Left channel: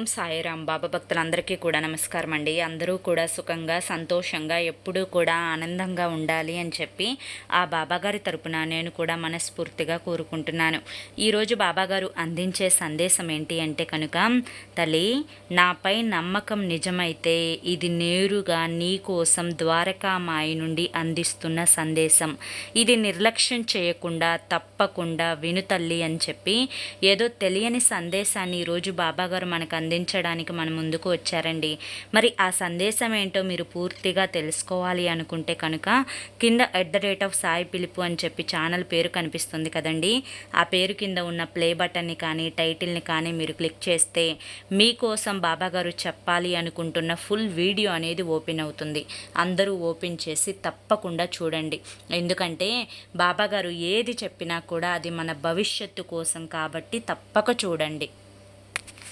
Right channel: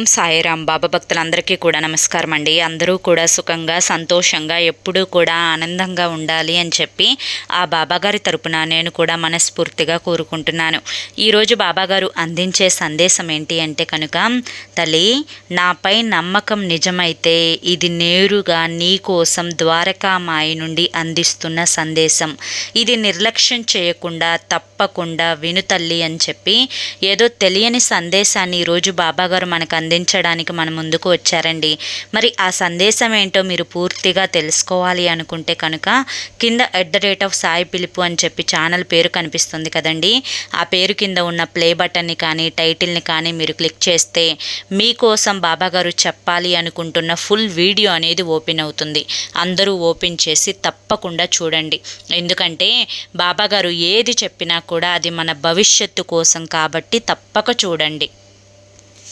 ఓం సాయిరాం. బాబా భక్తులందరికీ కూడా నమస్కారం అండి. అందరూ కూడా సుఖంగా సంతోషంగా ఎప్పుడూ కూడా ఆనందంగా ఉండాలి అని చెప్పి ఆ బాబాగారి తరపున నేను కూడా మనస్ఫూర్తిగా కోరుకుంటున్నాను. ఈరోజు బాబాగారు అందించే సందేశం ఏంటి అంటే కనుక, తల్లి నాపై నమ్మకం నిజమైతే ఇది నేరుగా నీ కోసం ద్వారకామాయి నుండి అందిస్తున్న సందేశం. ఇది నిర్లక్ష్యం చేయకుండా తప్పకుండా విను తల్లి అని చెప్పి ఏదో తెలియని సందేశాన్ని ఈరోజు బాబాగారు మనకు అందించడానికి మన ముందుకు వచ్చారండి. మరి ఆ సందేశం ఏంటో మీరు పూర్తిగా తెలుసుకోవాలి అనుకుంటే కనుక కింద @సాయి పిలుపు అని చెప్పి ఛానల్ పేరు కనిపిస్తుంది కదండి. ఆ పేరు కింద ఉన్న ప్లే బటన్ని కానీ టైటిల్ని కానీ మీరు క్లిక్ చేస్తే మీకోసం బాబాగారు చెప్పాలి అనుకుంటున్న ఫుల్ వీడియో అనేది ఓపెన్ అవుతుంది. అందరూ ఓపెన్ చేసి తప్పకుండా చూడండి. ఎందుకంటే బాబాగారు ఏది చెప్పినా కూడా అది మన భవిష్యత్తు కోసం కాబట్టి తప్పక చూడండి.